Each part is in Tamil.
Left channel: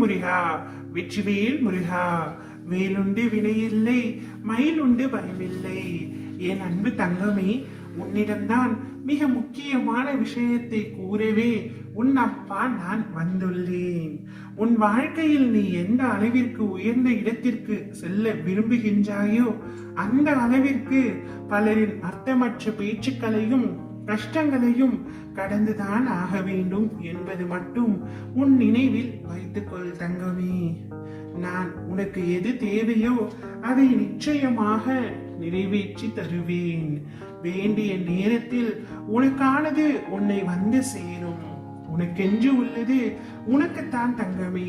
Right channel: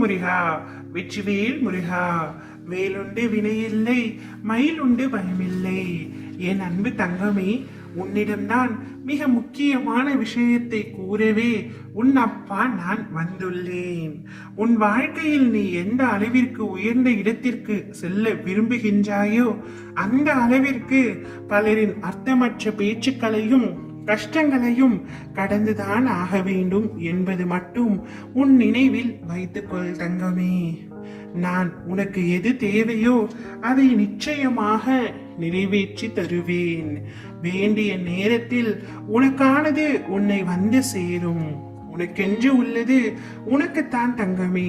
முருகா, வெற்றிவேல் முருகா. வேலுண்டு வினையில்லை, மயிலுண்டு பயமில்லை. என் அன்பு தங்கமே, உன்னிடம்தான் மிக முக்கியமான விஷயத்தை கூறவே உன் அப்பா நான் வந்துள்ளேன். உன் வாழ்க்கையில் நீ எந்த அளவிற்கு உயர்ந்த இடத்திற்கு செல்ல விரும்புகின்றாயோ அந்த அளவிற்கு பலரின் அர்த்தமற்ற பேச்சுக்களையும் கஷ்டங்களையும் கடந்துதான் ஆக வேண்டும் என்பது மட்டும் உன் நினைவில் வைத்துக்கொள் தங்கமே. நான் உனக்கு எது தேவையோ அதை நிச்சயமாக நிறைவேற்றி தருவேன். வேண்டிய நேரத்தில் உனக்கானது உன்னை வந்து சேரும். உனக்கென்று உள்ளது உனக்குத்தான் தங்கமே,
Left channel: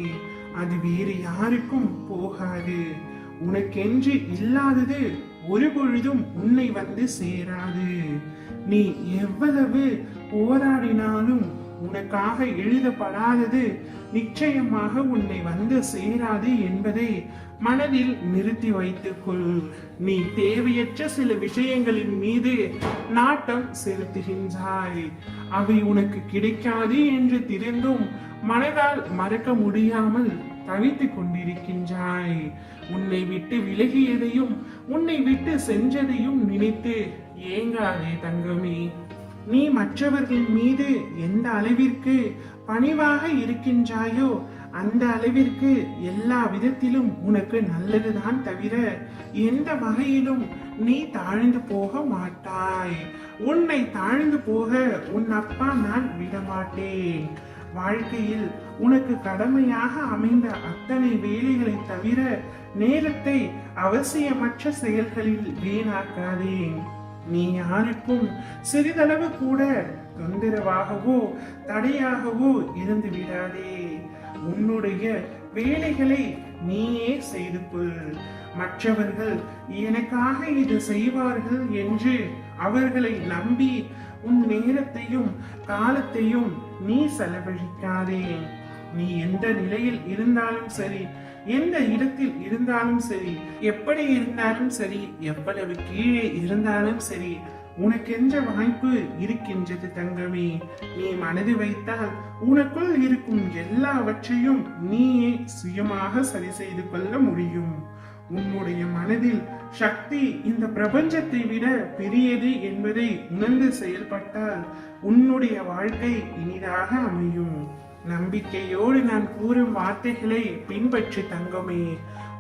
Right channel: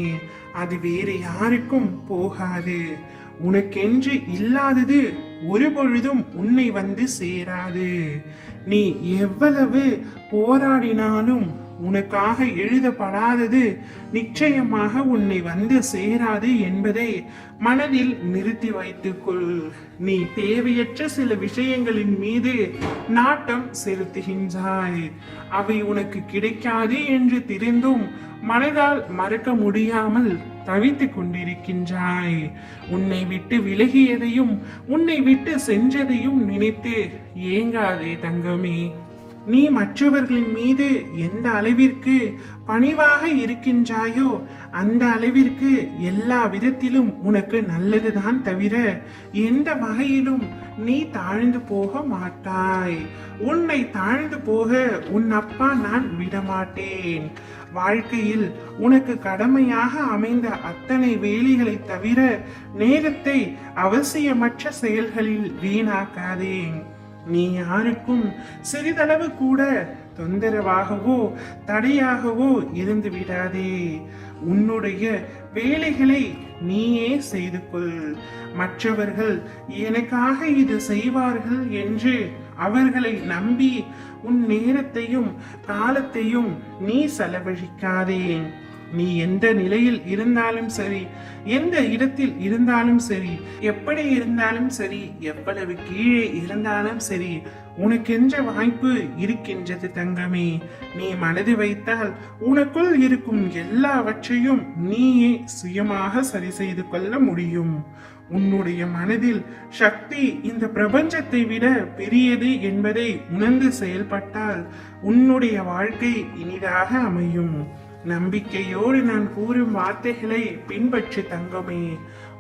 அது வேறு யாருக்கும் போகாது. உனக்கென்று இல்லாதது ஒரு பொழுதும் உன்னை வந்து சேராது. நீ எவ்வளவு போராடினாலும் உனக்காக எழுதப்படாதது நிச்சயமாக உன்னை வந்து சேராது என்பதை மனதில் நிறுத்தி வைத்துக்கொள். நீ தேவையற்ற சில விஷயங்களின் மீது நாட்டம் செலுத்துகின்றாய். அவை உனக்கு கிடைக்காது என்று தெரிந்தும் மனதால் மறக்க முடியாமல் தவித்துக் கொண்டிருக்கின்றாய். உன்னை விட்டு விலகியதையும் உன்னை விட்டு சென்றதையும் நினைத்து ஏங்காதே தங்கமே. நீ மற்றவர்களின் மீது எந்த அளவிற்கு பணிவாக இருக்கின்றாயோ அந்த அளவிற்கு எல்லா விதத்திலும் உனக்கு நல்லதுதான் தவிர எந்த வகையிலும் நீ தாழ்ந்து போக மாட்டாய். உன்னை தாழ்ந்து போக உன் அப்பா நான் விடமாட்டேன். வாழ்க்கையில் உனக்கு கடமையாக அமைந்த அத்தனை வேலைகளை தவிர நேரத்தை அவசியமற்ற செயல்களில் வீணாக்காதே. நீ யாருக்கும் சிறிதளவு கூட தொந்தரவாகவோ தடையாகவோ இருந்து விடாதே. உன்னுடைய வேலைகளை நீயே செய்து கொள். மற்றவர்கள் எனக்காக இது செய்வார்கள் என்று அவர்களை நம்பி உன் நேரத்தையும் காலத்தையும் நீ செலவழிக்காதே. நீ எந்த நிலையில் இருந்தாலும் சரி, எந்த இடத்தில் இருந்தாலும் சரி, எப்படி இருந்தாலும் சரி, எவ்வளவு கீழே இருந்தாலும் சரி, உனக்கென்ற வாய்ப்பு இருக்கின்றது தங்கமே. நீ மனது வைத்தால் உனக்குள் இருக்கும் எல்லாவற்றையும் நீயே சுயமாக சரி செய்து கொள்ள முடியும். உன்னுடைய மனதில் சக்தி இந்த பிரபஞ்சத்தை விட பெரியது என்பதை உணர்ந்து செயல்பட்டால் உன்னுடைய வாழ்க்கை இனிதாக அமையும். நம்பிக்கையோடு நான் கூறும் வார்த்தைகளை பின்பற்றி தங்கமே.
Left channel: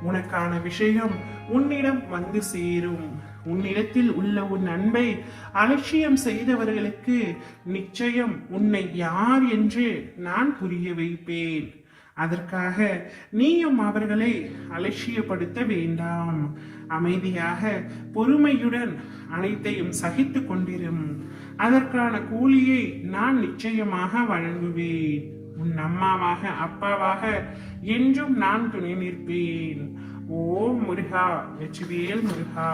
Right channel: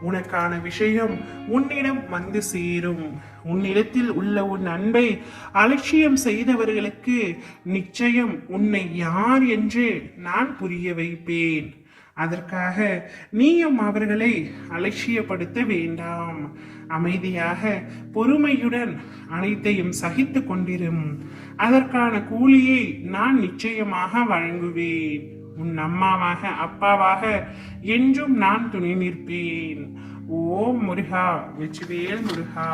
உனக்கான விஷயம் உன்னிடம் வந்து சேரும். உன்னிடத்தில் உள்ள உன் அன்பை அலட்சியம் செய்தவர்களுக்கு நிச்சயம் உன்னை யார் என்று நான் புரிய வைப்பேன். அதற்காக நீயும் அவர்களை அலட்சியப்படுத்த வேண்டாம். அமைதியாக பொறுமையுடன் அனைத்தையும் சகித்து கொண்டிரும். அதற்கான கூலியை நான் நிச்சயமாக வழங்குவேன். உன் அம்மாவாக அப்பாவாக என்றும் நான் துணை நிற்பேன். ஓம் முருகா, வெற்றிவேல் முருகா.